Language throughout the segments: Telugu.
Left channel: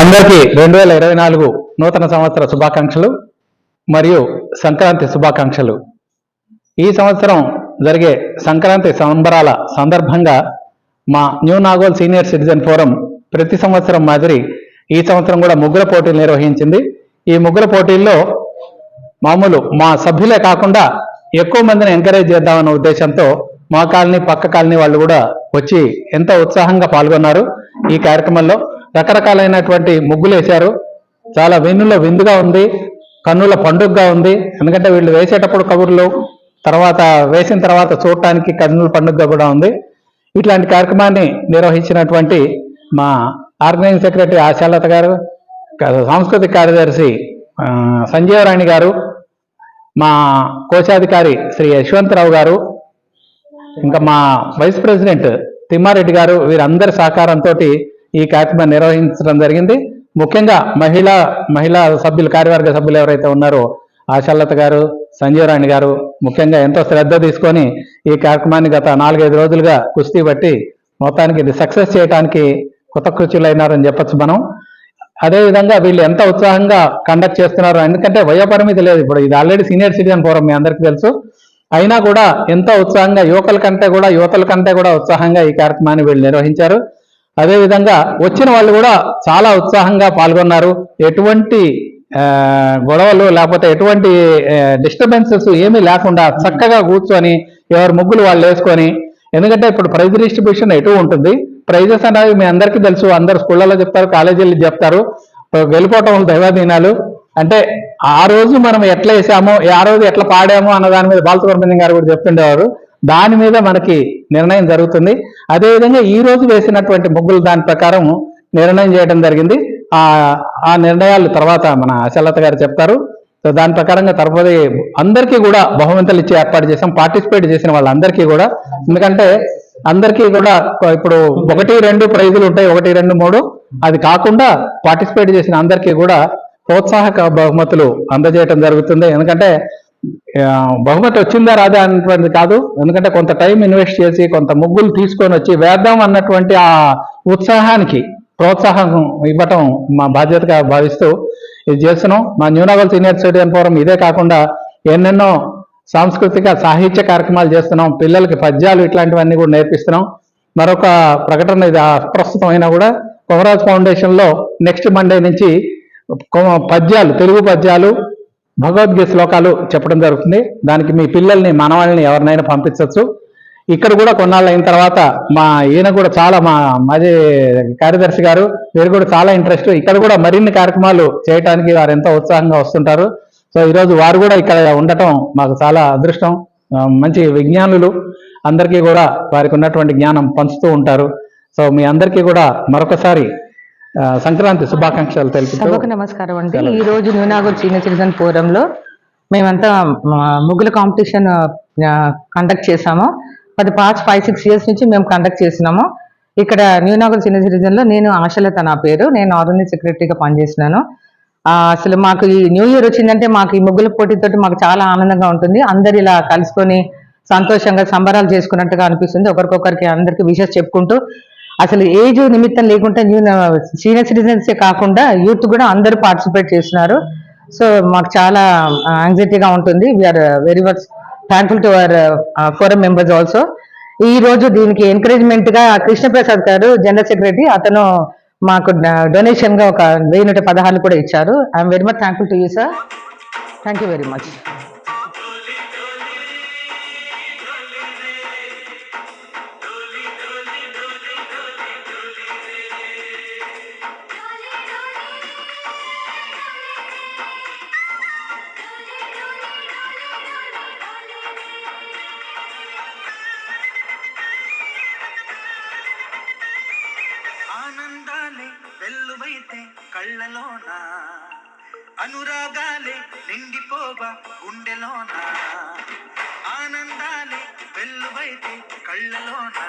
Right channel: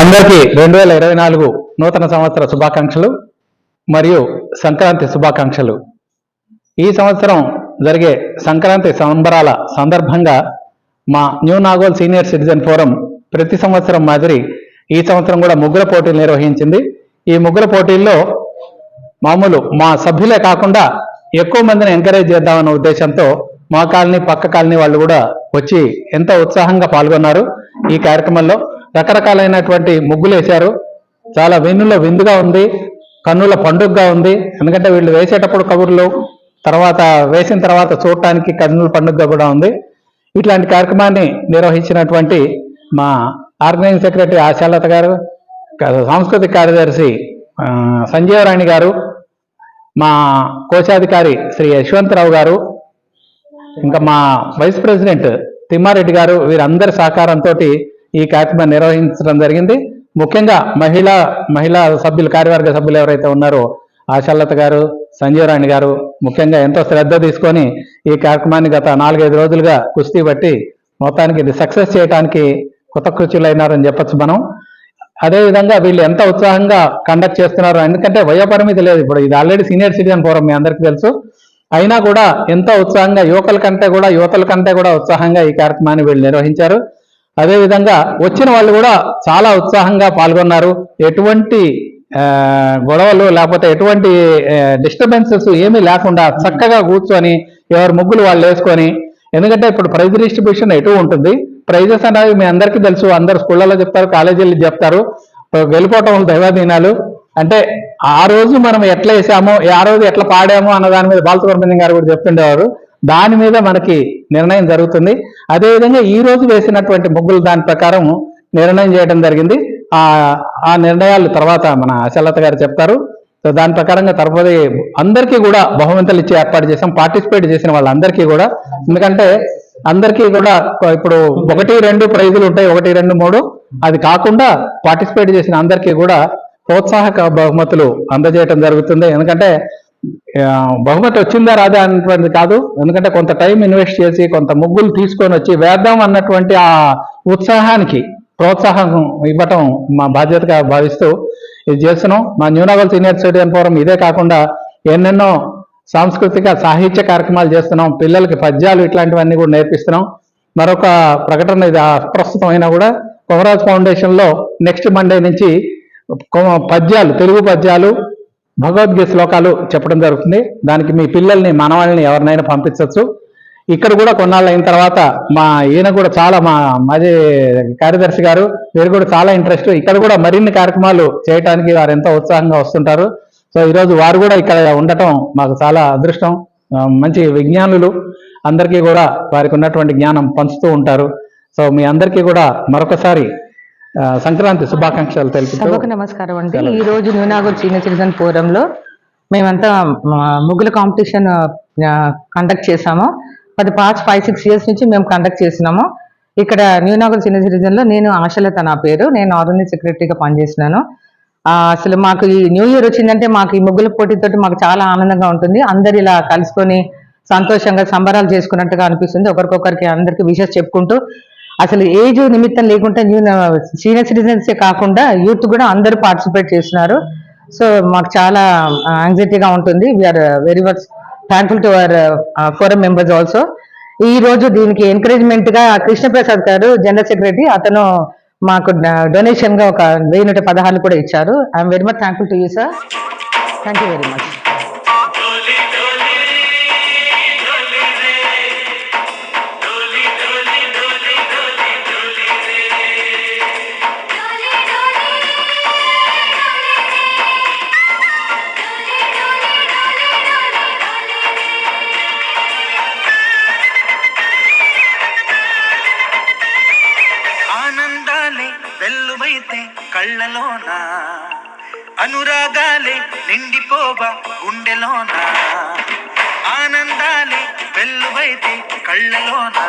అందరికీ 2024 నూతన సంవత్సర శుభాకాంక్షలు మరియు సంక్రాంతి శుభాకాంక్షలు. ఈ సంవత్సరం జరిగే సంక్రాంతి సంబరాల సందర్భంగా మా new Nagole senior citizen forum ప్రతి సంవత్సరం మాదిరి ఈ సంవత్సరం కూడా ముగ్గుల పోటీలు నిర్వహించింది. ఈ ముగ్గుల పోటీల్లో మామూలు మా సభ్యులే కాకుండా ఎక్కువ మందిని ఎంకరేజ్ చేద్దామన్న ఉద్దేశంతో మా కాలనీ పక్క కాలనీ వాళ్ళు కూడా వచ్చి ఎంతో ఉత్సాహంగా పాల్గొన్నారు. ఈ కార్యక్రమంలో రకరకాలైనటువంటి ముగ్గులు వేశారు. చాలా వెన్నుల విందుగా ఉంది, కన్నుల పండుగగా ఉంది. ఎందుకంటే వీళ్ళు వేసేటప్పుడు కబుర్లు, తర్వాత వేసిన తర్వాత చూడటానికి కన్నుల పండుగగా కూడా ఉంది. ఇట్లాంటి కార్యక్రమాన్ని నిర్వహించినటువంటి మా ఆర్గనైజింగ్ సెక్రటరీ ఆశాలత గారు, సాంస్కృతిక కార్యదర్శి సంజీవరాణి గారు, మా కోశాధికారి శ్రీ యశ్వంతరావు గారు, ఇంకా మా వైస్ ప్రెసిడెంట్ తిమ్మారెడ్డి గారు, వీరందరి సహకారంతో ఈ కార్యక్రమాన్ని నిర్వహించడం జరిగింది. ముఖ్యంగా మహిళా సభ్యులు, కార్యవర్గ సభ్యులు ఎవరైతే ఉన్నారో ఆశాలత గారు, సంజీవరాణి గారు ముఖ్యంగా ఎంతో శ్రద్ధ తీసుకొని ఈ కార్యక్రమాన్ని గత 4-5 రోజులుగా కుస్తీ బట్టి మొత్తానికి ఇది సక్సెస్ చేయడానికి కృతకృత్యులైనారని చెప్పచ్చు మనం. అదేవిధంగా వీళ్ళు ఎంత ఉత్సాహంగా కండక్ట్ చేస్తున్నారు, ఎందుకంటే వయోపరిమితి లేదు. ఇప్పుడు ఇది ఆల్రెడీ సీనియర్ సిటిజన్ ఫోరం, మీ అందరికీ తెలుసు. అయినా కూడా ఎంతో ఉత్సాహంగా యువతల కంటే కూడా ఉత్సాహంగా ఈ కార్యక్రమాన్ని వీళ్ళు నిర్వహించారు. అదేవిధంగా వచ్చిన వాళ్ళు కూడా చాలా ఉత్సాహంగా పాల్గొన్నారు. ఎటువంటి గొడవలు లేకపోతే ఎటువంటి డిస్టర్బెన్సెస్ ఏమీ లేకుండా చక్కగా కూర్చొని ఎవరి ముగ్గులు వాళ్ళు వేసుకొని, ఎందుకంటే ఇప్పుడు ప్రైజ్ డిస్ట్రిబ్యూషన్ ఎటు ఉంటుంది. ప్రైజెస్ అనేవి మీ అందరికీ తెలుసు, అందరు స్కూళ్ళలో చెప్తారు, కాలేజీలు చెప్తారు. వెళ్ళిపోవటం దైవాధీనాలు. అంటే ఆ రోజు మనం ఎట్లా వేసామో, ఆ రోజు ఎట్లా పాడామో అన్న దాని మీద బాలసుబ్రహ్మణ్యం గారు కూడా చెప్తుండేవారు. దాని మీద మనకి నిర్ణయం జరుగుతుంది. అదేవిధంగా ఈ రోజు వేసినటువంటి ముగ్గులు దాని ప్రకారం నిర్ణయం చేయడం జరిగింది. ఆ నిర్ణయాలు తర్వాత మన ఆశాలత గారు చెప్తారు. సో దాని ప్రకారంగా తరపుది అందరికీ కూడా బహుమతులు ఇచ్చి ఏర్పాటు చేసాం, పార్టిసిపేట్ చేసిన వాళ్ళందరికీ కూడా. ఎందుకంటే అందరికీ కూడా ఇప్పుడు 1-2 ప్రైజులు ఉంటాయి, 1, 2, 3. అది కాకుండా పార్టిసిపేట్ చేసిన అందరికీ కూడా ప్రోత్సాహక బహుమతులు అందజేయడం జరుగుతుంది. ఎందుకంటే బహుమతి వచ్చిందా రాదా అన్నటువంటిది కాదు. ఎందుకంటే కొంత టైం ఇన్వెస్ట్ చేసి కొంత ముగ్గులు తీసుకొని వచ్చి వేద్దాం అన్నటువంటి ఆ ఉత్సాహానికి ప్రోత్సాహం ఇవ్వటం మా బాధ్యతగా భావిస్తూ ఇది చేస్తున్నాం. మా new Nagole senior citizen forum ఇదే కాకుండా ఎన్నెన్నో సాంస్కృతిక సాహిత్య కార్యక్రమాలు చేస్తున్నాం. పిల్లలకి పద్యాలు ఇట్లాంటివన్నీ కూడా నేర్పిస్తున్నాం. మరొక ప్రకటన ఇది ప్రస్తుతం అయినా కూడా కొమరాజ్ ఫౌండేషన్లో నెక్స్ట్ మండే నుంచి పద్యాలు, తెలుగు పద్యాలు, భగవద్గీత శ్లోకాలు చెప్పడం జరుగుతుంది. దానికి మీ పిల్లల్ని, మనవాళ్ళని ఎవరినైనా పంపించవచ్చు. ఇక్కడ కూడా కొన్నాళ్ళు అయిన తర్వాత ఈయన కూడా చాలా మాజీ కార్యదర్శి గారు, వీరు కూడా చాలా ఇంట్రెస్ట్. ఇక్కడ కూడా మరిన్ని కార్యక్రమాలు చేయడానికి వారు ఎంతో ఉత్సాహంగా వస్తుంటారు. సో ఈరోజు వారు కూడా ఇక్కడ ఉండటం మాకు చాలా అదృష్టం. మంచి విజ్ఞానులు, అందరికీ కూడా వారికి ఉన్నటువంటి జ్ఞానం పంచుతూ ఉంటారు. సో మీ అందరికీ కూడా మరొకసారి సంక్రాంతి శుభాకాంక్షలు తెలుపుతూ నమస్కారం అండి. ఈ రోజు న్యూ నాగోల్ సీనియర్ సిటిజన్ ఫోరంలో మేమంతా ముగ్గుల కాంపిటీషన్ కండక్ట్ చేసాము. అది పాస్ట్ 5-6 ఇయర్స్ నుంచి మేము కండక్ట్ చేసినాము. ఇక్కడ న్యూ నాగోల్ సీనియర్ సిటిజన్ లో నేను ఆశలత నా పేరు, నేను ఆర్గనైజింగ్ సెక్రటరీగా పనిచేస్తున్నాను. అసలు మాకు ఈ న్యూ ఇయర్ వచ్చిందంటే మాకు ఈ ముగ్గుల పోటీతోటి మాకు చాలా ఆనందంగా ఉంటుంది. అందరు ఇలా కలుసుకొని సంతోషంగా సంబరాలు చేసుకున్నట్టుగా అనిపిస్తుంది. ఒకరికొకరికి అందరికి విషెస్ చెప్పుకుంటూ, అసలు ఏజ్ నిమిత్తం లేకుండా సీనియర్ సిటిజన్సే కాకుండా యూత్ కూడా అందరూ పార్టిసిపేట్ చేస్తున్నారు. సో మాకు చాలా యాంగ్జైటీగా ఉంటుంది. We are very much thankful to our forum members also. ఈ రోజు దీనికి ఎంకరేజ్మెంట్ గా కృష్ణప్రసాద్ గారు, జనరల్ సెక్రటరీ, అతను మాకు డొనేషన్ గా ఒక 1116 కూడా ఇచ్చారు. I'm very much thankful to you sir. Thank you very much. వెల్లువైతే కళ్ళలోన, అనురాగాలే నిండిపోవా గుండెలోన. ఆనందాలే వెల్లువైతే కళ్ళలోన,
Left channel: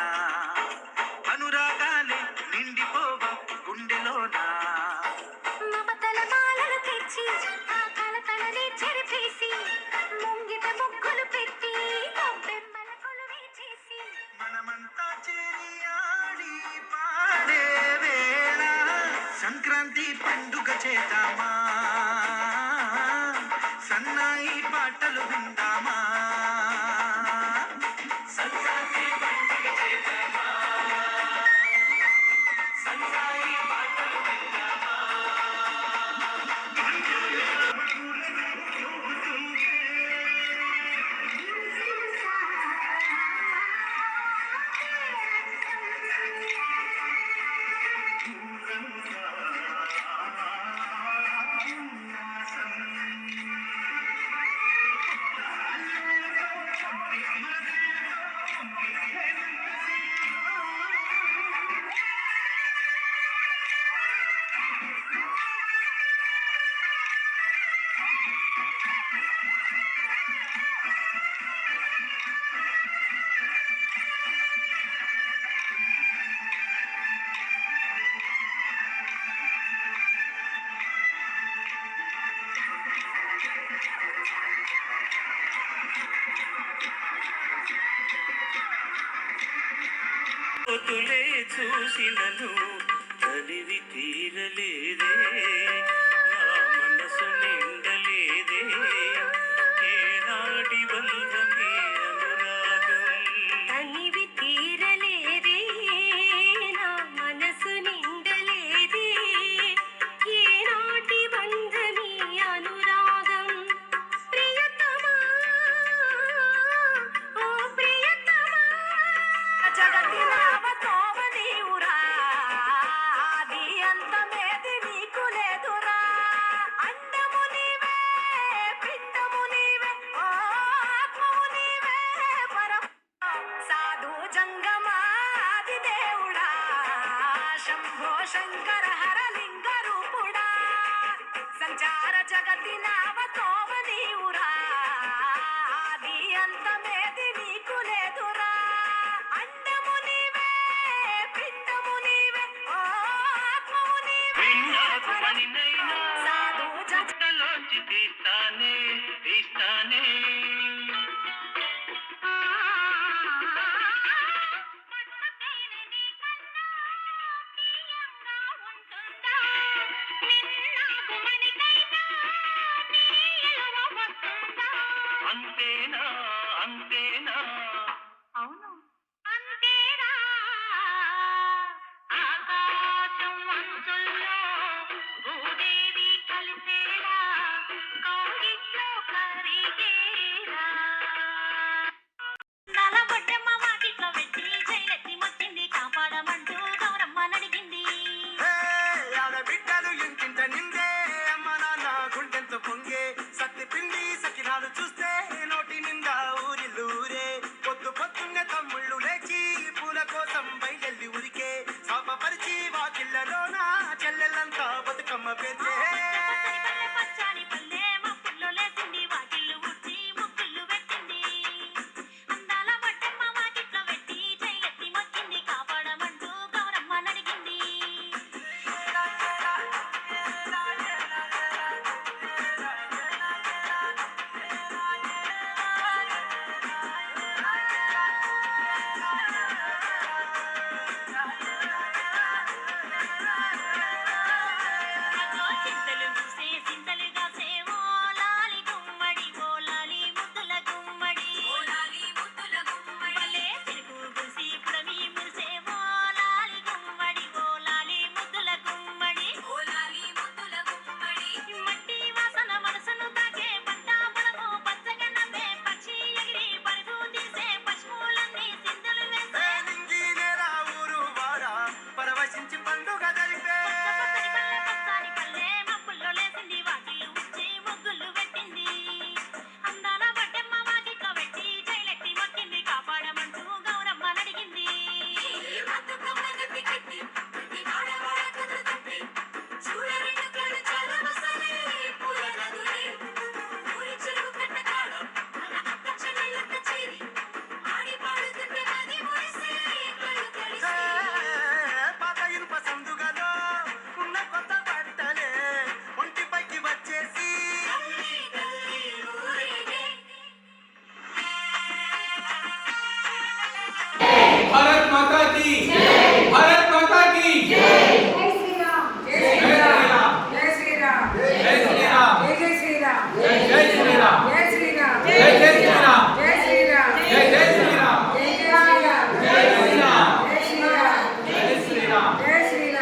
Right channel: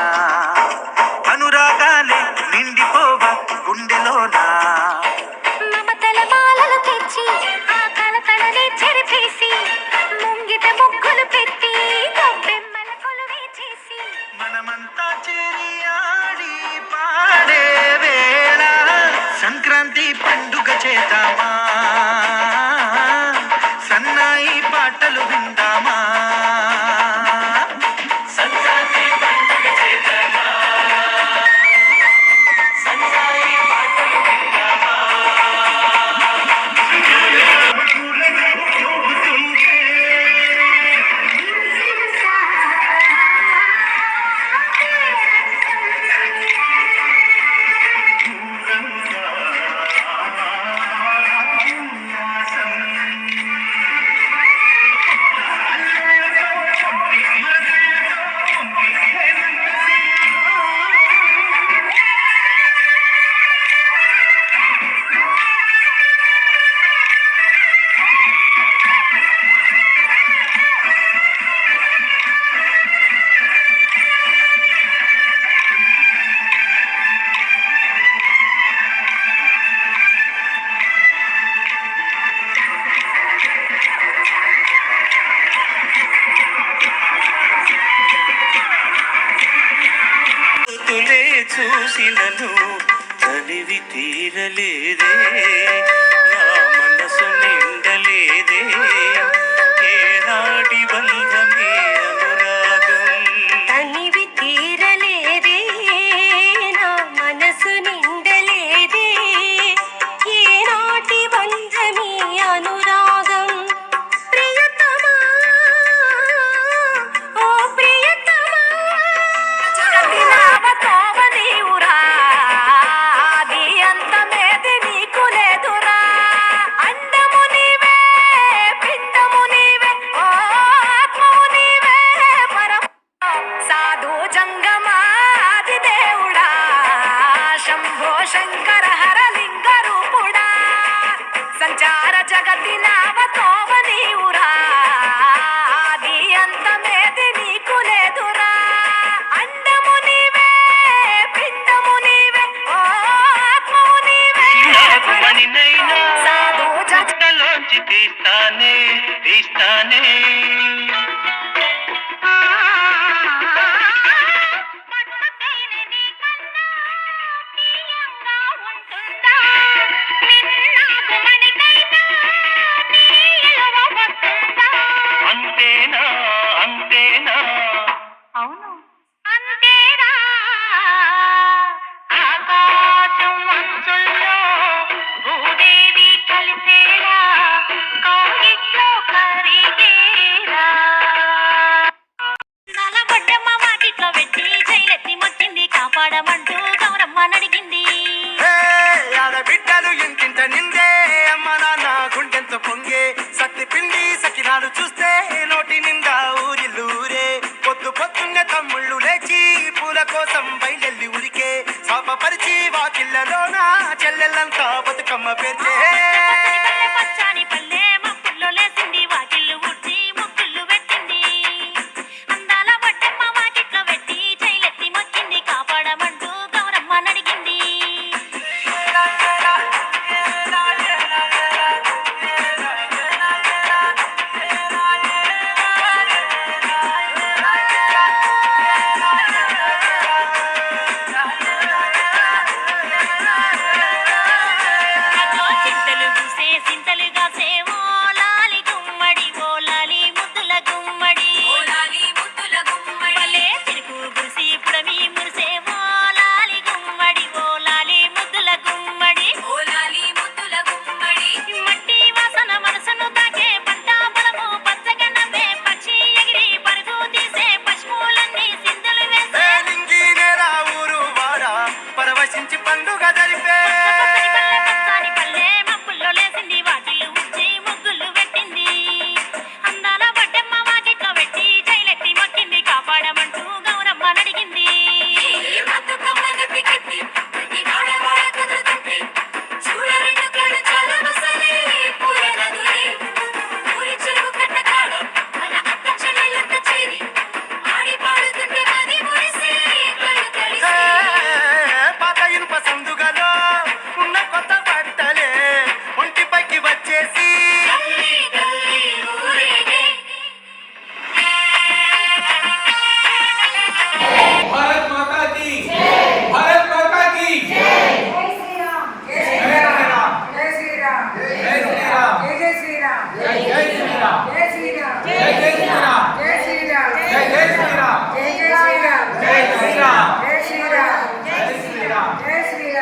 అనురాగాలే నిండిపోవా గుండెలోన. మమతల మాలలు తెచ్చి ఆ కలతలని చెరిపేసి, ముంగిట ముగ్గులు పెట్టి గొబ్బెమ్మల కొలువే చేసి, మనమంతా చేరి ఆడి పాడే వేళ చేద్దామా సన్నాయి పాటలు విందామా సంక్రాంతి పండుగ చేద్దామా సన్నాయి పాటలు విందామా తులే చూసినను తనివి తీరలేదే నా మనసు నిండలేదే ఏనాటి బంధమే అనురాగం తనివి తీరలేదే నా మనసు నిండలేదే ఏనాటి బంధమే అనురాగం ప్రియతమా ఓ ప్రియతమా జగతినావతోవనీవురా ఆది అంతమేది నీకు లేదురా అండము నీవే పిండము నీవే ఓ ఆత్మము నీవే పరం సాధు జంగమాది దేవుడా శంభో శంకర హరలింగ రూపుడా సంచార జగతి నావతోవనీవురా ఆది అంతమేది నీకు లేదురా అండము నీవే పిండము నీవే ఓ ఆత్మము నీవే సాధు జగలోంచి తీస్తానే తీస్తానే అంతేనా అంతేనా అవును అంతేనా ఆకాశం అంచుల్లో భూదేవి కలిసేలా కౌగిట్లో కరిగేలా శ్రీరామ్.